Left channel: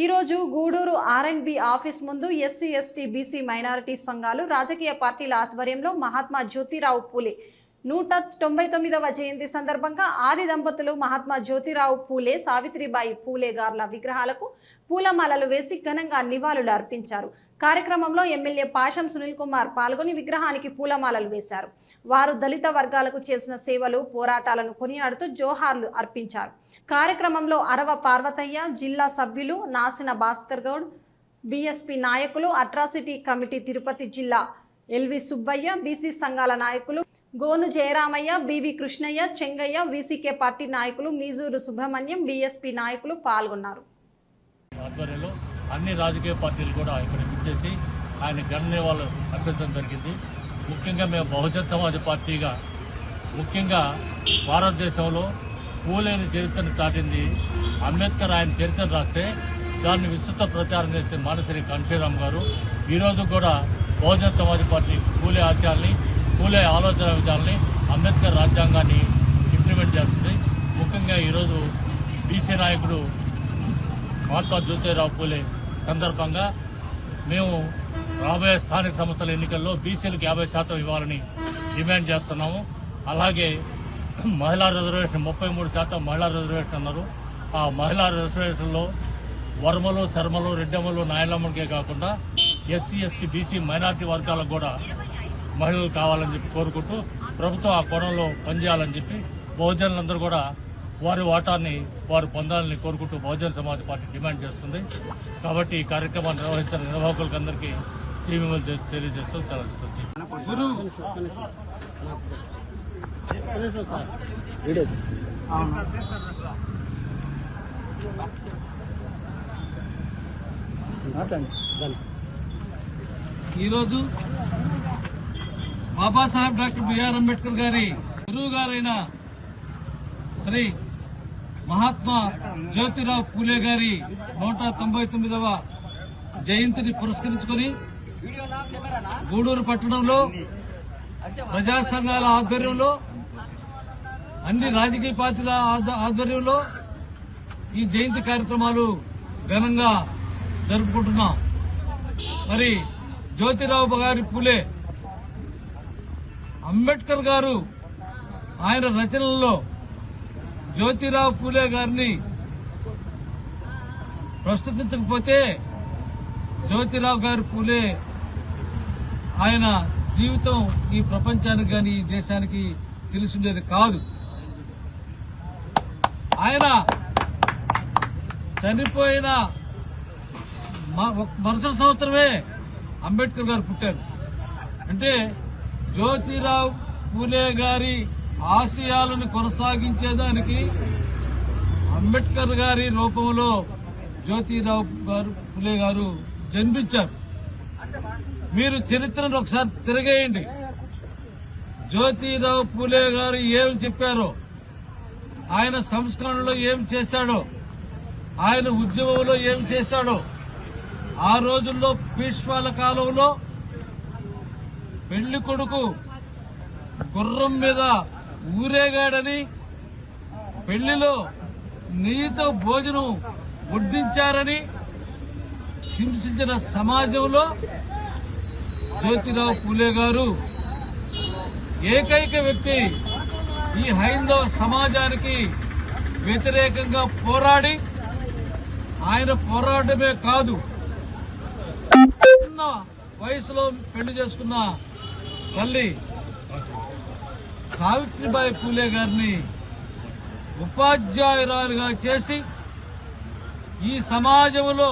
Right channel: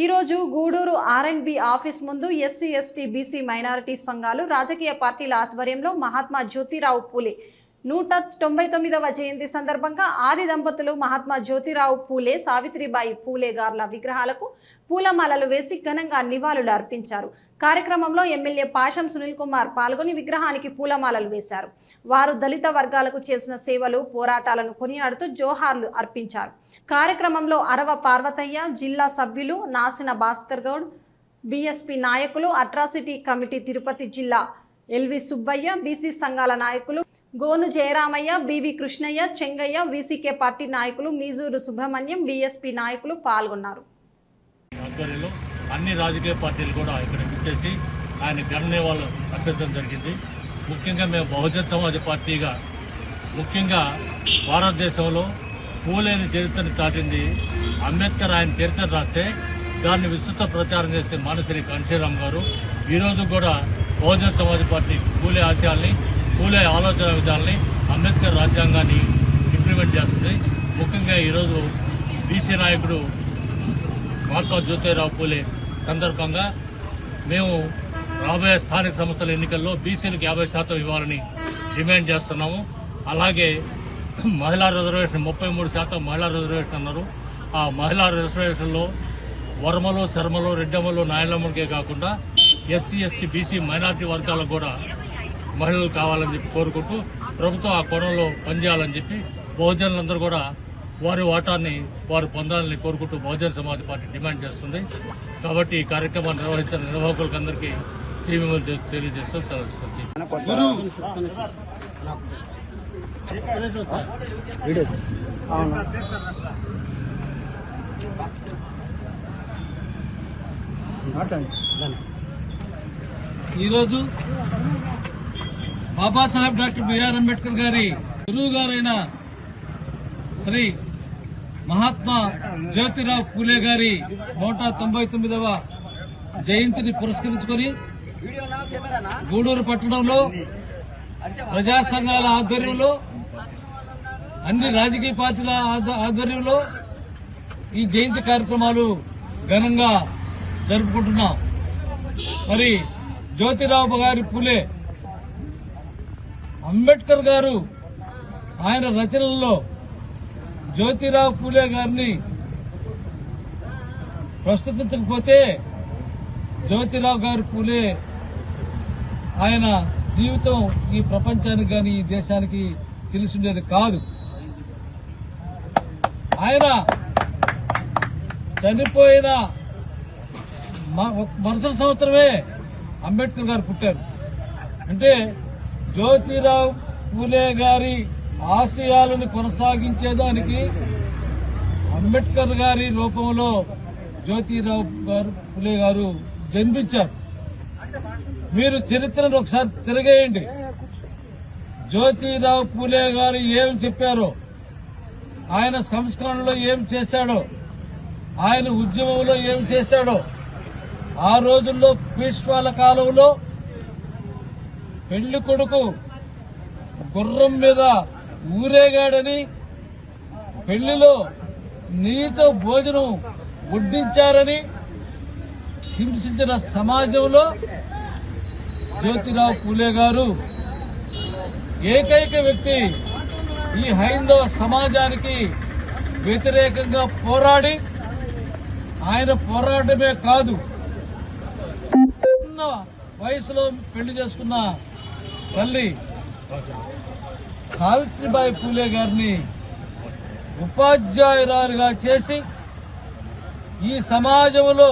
ఈ రోజు గూడూరు ఆర్ఎండ్బి ఆఫీస్ ముందు ఎస్సీ ఎస్టీ బీసీ మైనారిటీ సంఘాలు రాజకీయ పార్టీల ఆధ్వర్యంలో మహాత్మా జ్యోతిరావు పూలే 199వ జయంతి సందర్భంగా ఆది దంపతులు మహాత్మా జ్యోతిరావు పూలే సావిత్రిబాయి పూలే గార్ల విగ్రహాలకు పూలమాలలు వేసి ఘనంగా నివాళులు అర్పించారు. కార్యక్రమంలో ఎమ్మెల్యే పాషం సునీల్ కుమార్ పాల్గొని విగ్రహానికి పూలమాలలు వేశారు. వారు దళిత వర్గాలకు చేసిన సేవలు పోరాటాలను కొనియాడుతూ జోహార్లు అర్పించారు. కార్యక్రమంలో అరవ పార్వతయ్య, జిల్లా సభ్యులు నాసిన భాస్కర్ గౌడ్, బీఎస్పీ నాయకులు, అట్రాసిటీ కమిటీ తిరుపతి జిల్లా ఎల్వి సుబ్బయ్య, బీసీ సంఘాల నాయకులు Gonu Jayaramaiah, B V Krishnaiah, Chengaiah, VCK party నాయకులు మీజూరు సుబ్రహ్మణ్యం, బీఎస్పీ నాయకులు పాల్గొన్నారు. అన్ని రాజకీయ పార్టీలు కూడా ఇక్కడ వచ్చేసి ఆయన ఘన నివాళులు అర్పించడం జరిగింది. ముఖ్యంగా మేము బహుజన్ సమాజ్ పార్టీగా ముఖ్యంగా భారతదేశంలో పూలేని చరిత్రను చాటింది అంబేద్కర్. ఆయన చరిత్ర రాస్తే దాన్ని విస్తృత ప్రచారం చేసే మానసిరి కాంశీరామ్ గారు ఈరోజు కూడా బహుజన్ సమాజ్ పార్టీ పూలే ఆశయాల్ని, పూలే ఆలోచన విధానాన్ని, అంబేద్కర్ రాజ్యాంగాన్ని ఇంప్లిమెంట్ చేస్తుంది. ముఖ్యంగా ఈరోజు బీసీ నాయకుడు మహాత్మా జ్యోతిరావు పూలే సందర్భంగా మేము రాబోయే స్థానిక సంస్థల ఎన్నికల్లో బీసీలకు 50% ఇవ్వాలని డిమాండ్ చేస్తున్నాము. అలాగే మహిళా రిజర్వేషన్ 33% మహిళా రిజర్వేషన్ అన్నారు. ఆ మహిళా రిజర్వేషన్లో వర్మలు, శర్మలు, రెడ్డమ్మలు, నాయలమ్మకే కాకుండా ఎస్సీ ఎస్టీ బీసీ మైనార్టీ వర్గాలకు కూడా మహిళలు కావాలని చెప్పి కోరుకుంటూ ప్రభుత్వం ఆ కోణంలో పనిచేయాలని చెప్పి బహుజనులందరూ కూడా వారి వాటాన్ని వారు పొందాలని కోరుకుంటూ బహుజన సమాజ్ పార్టీ డిమాండ్ చేస్తుంది. కాబట్టి ఈ కార్యక్రమాన్ని నిర్వహించిన నిర్వాహకులకు అందరికీ తెలియజేస్తూ సెలవుస్తుంది. ఈరోజు బాబాసాహెబ్ డాక్టర్ బిఆర్ అంబేద్కర్ గారి గురువు గారైన శ్రీ మహాత్మా జ్యోతిరావు పూలే గారి 199వ జయంతిని పురస్కరించుకొని గూడూరు పట్టణంలో ప్రజా సంఘాల ఆధ్వర్యంలో, అన్ని రాజకీయ పార్టీల ఆధ్వర్యంలో ఈ జయంతి కార్యక్రమాలు ఘనంగా జరుపుకుంటున్నాం. మరి జ్యోతిరావు గారి పూలే అంబేద్కర్ గారు ఆయన రచనల్లో జ్యోతిరావు పూలే గారిని ప్రస్తుతించకపోతే జ్యోతిరావు గారి పూలే ఆయన జీవితం ఈ ప్రపంచానికి గాని ఈ దేశానికి తెలిసిండేది కాదు. ఆయన చనిపోయిన మరుసటి సంవత్సరమే అంబేద్కర్ గారు పుట్టారు. అంటే జ్యోతిరావు పూలే గారి ఆశయాలను కొనసాగించేదానికి అంబేద్కర్ గారి రూపంలో జ్యోతిరావు పూలే గారు జన్మించారు. మీరు చరిత్రను ఒకసారి తిరగేయండి. జ్యోతిరావు పూలే గారు ఏం చెప్పారో, ఆయన సంస్కరణలో ఏం చేశాడో, ఆయన ఉద్యమంలో ఏం చేశాడో, ఆ రోజుల్లో పీష్వాల కాలంలో పెళ్లి కొడుకు గుర్రం మీద ఊరేగాడని, పెళ్లిలో నీతో భోజనం వడ్డించారని హింసించిన సమాజంలో జ్యోతిరావు పూలే గారు ఏకైక వ్యక్తి ఈ హైందవ సమాజానికి వ్యతిరేకంగా పోరాడి, ఆయన పోరాటమే కాదు, చిన్న వయసులో పెళ్లి చేసుకున్న తల్లి సావిత్రిబాయి పూలే గారిని ఉపాధ్యాయురాలుగా చేసి ఈ సమాజంలో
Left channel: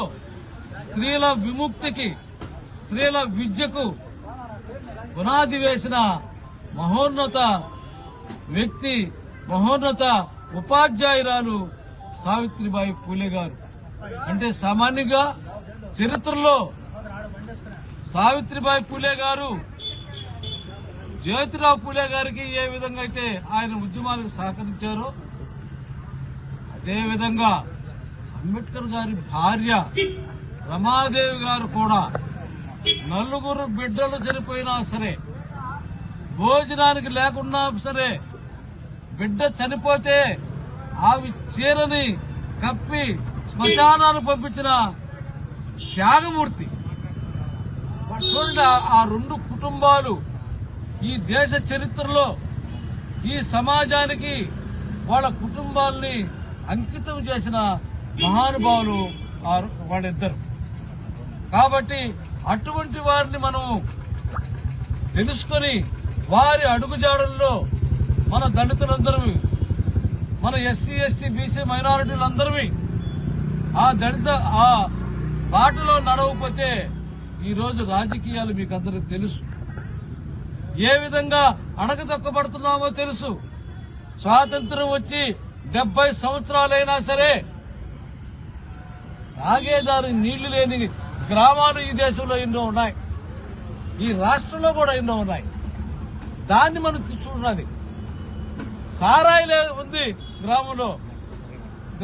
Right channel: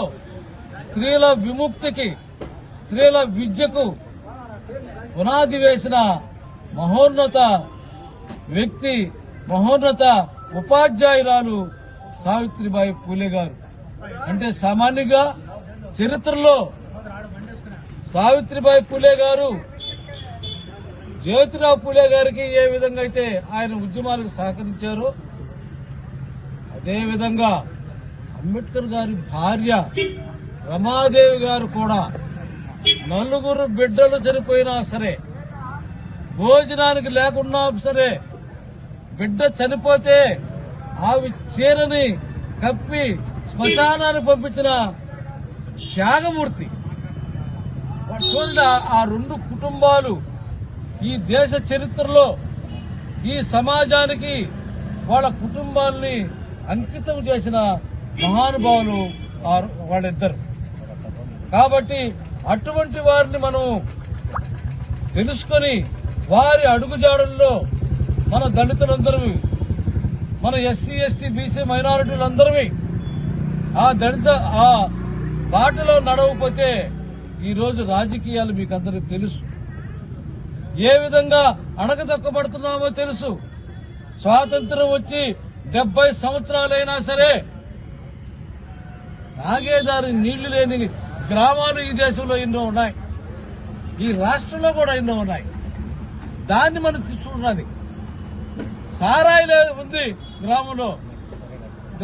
స్త్రీల విముక్తికి, స్త్రీల విద్యకు పునాది వేసిన మహోన్నత వ్యక్తి, మహోన్నత ఉపాధ్యాయురాలు సావిత్రిబాయి పూలే గారు. అంటే సామాన్యంగా చరిత్రలో సావిత్రిబాయి పూలే గారు జ్యోతిరావు పూలే గారికి ఏ విధంగా అయితే ఆయన ఉద్యమాలకు సహకరించారో, అదేవిధంగా అంబేద్కర్ గారి భార్య రమాదేవి గారు కూడా 4 బిడ్డలు చనిపోయినా సరే, భోజనానికి లేకున్నా సరే, బిడ్డ చనిపోతే ఆవి చీరని కప్పి శ్మశానాన్ని పంపించిన త్యాగమూర్తి. చూడండి, ఆ రెండు కుటుంబాలు ఈ దేశ చరిత్రలో ఈ సమాజానికి వాళ్ళ కుటుంబాల్ని అంకితం చేసిన మహానుభావులు వాళ్ళిద్దరు. కాబట్టి అటువంటి వారిని మనం తెలుసుకొని వారి అడుగుజాడల్లో మన దళితులందరూ, మన ఎస్సీ ఎస్టీ బీసీ మైనారిటీలందరూ ఆ బాటలో నడవకపోతే ఈరోజు రాజకీయాలు మీకు అందరికీ తెలుసు. ఏ విధంగా అణగదొక్కబడుతున్నామో తెలుసు. స్వాతంత్రం వచ్చి 70 సంవత్సరాలైనా సరే తాగేదారి నీళ్లు లేని గ్రామాలు ఈ దేశంలో ఎన్నో ఉన్నాయి, ఈ రాష్ట్రంలో కూడా ఎన్నో ఉన్నాయి. దాన్ని మనం తీసుకున్నది. సారాయి ఉంది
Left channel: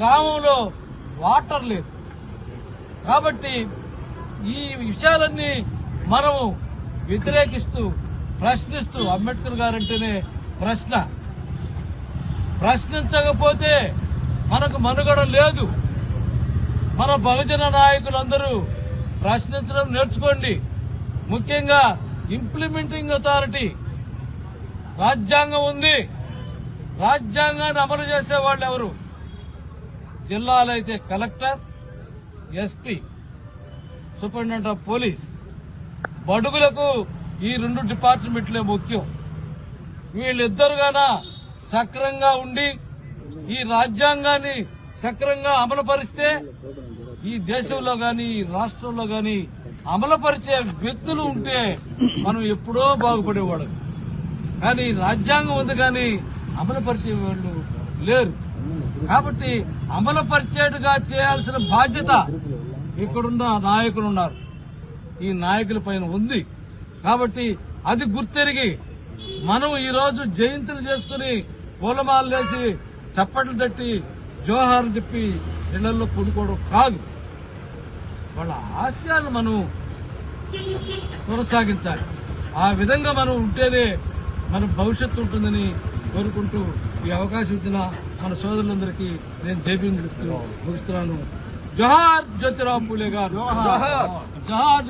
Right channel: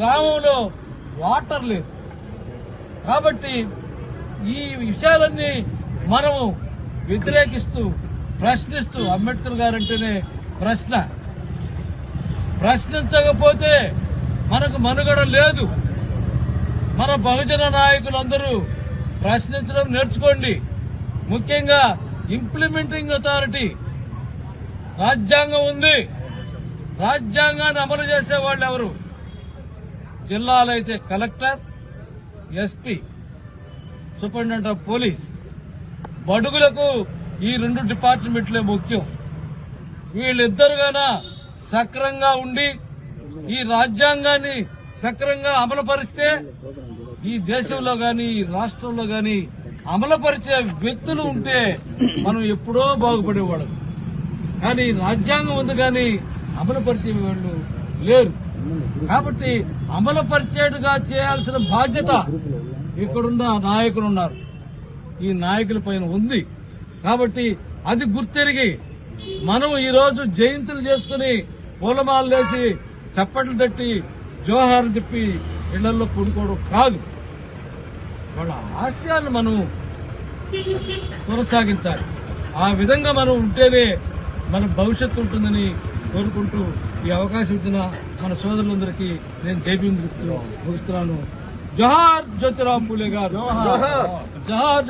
గ్రామంలో వాటర్ లేదు. కాబట్టి ఈ విషయాలన్నీ మనము వ్యతిరేకిస్తూ ప్రశ్నిస్తూ, అంబేద్కర్ గారంటేనే ప్రశ్నించకపోతే మనకు మనుగడ లేదు. మన బహుజన నాయకులందరూ ప్రశ్నించడం నేర్చుకోండి. ముఖ్యంగా ఇంప్లిమెంటింగ్ అథారిటీ రాజ్యాంగం ఉంది. రాజ్యాంగాన్ని అమలు చేసే వాళ్ళు ఎవరు? జిల్లాలో అయితే collector, SP, superintendent of police. బడుగులకు ఈ 2 డిపార్ట్మెంట్లే ముఖ్యం. వీళ్ళిద్దరుగాన సక్రంగా ఉండి ఈ రాజ్యాంగాన్ని సక్రంగా అమలుపరిస్తే ఈ దేశంలో గాని ఈ రాష్ట్రంలో గాని అమలుపరిచే వ్యక్తులు ఉంటే మనం ఎప్పుడో బాగుపడేవాళ్ళం. కానీ రాజ్యాంగం ఉంది కానీ అమలుపరిచే వాళ్ళు లేరు. కాబట్టి అమలుపరిచేట్టుగా చేయాల్సిన బాధ్యత ఇక్కడున్న నాయకులున్నారు, ఈ నాయకుల పైన ఉంది. కాబట్టి అది గుర్తెరిగి మనం ఈరోజు జయంతులు చేసుకుని పూలమాలలేసి చప్పట్లు తట్టి జోహార్లు చెప్పి ఇళ్లలో కూడుకోవడం కాదు. వాళ్ళ ఆశయాన్ని మనం కొనసాగించాలి. ఆ విధంగా మనం ఉంటేనే మన భవిష్యత్తు ఉంటుందని కోరుకుంటూ ఈ అవకాశం ఇచ్చిన మన సోదరులందరికీ నేను జైభీం ముగిస్తున్నాను. జోహార్ జ్యోతిరావు పూలే గారు. జోహార్.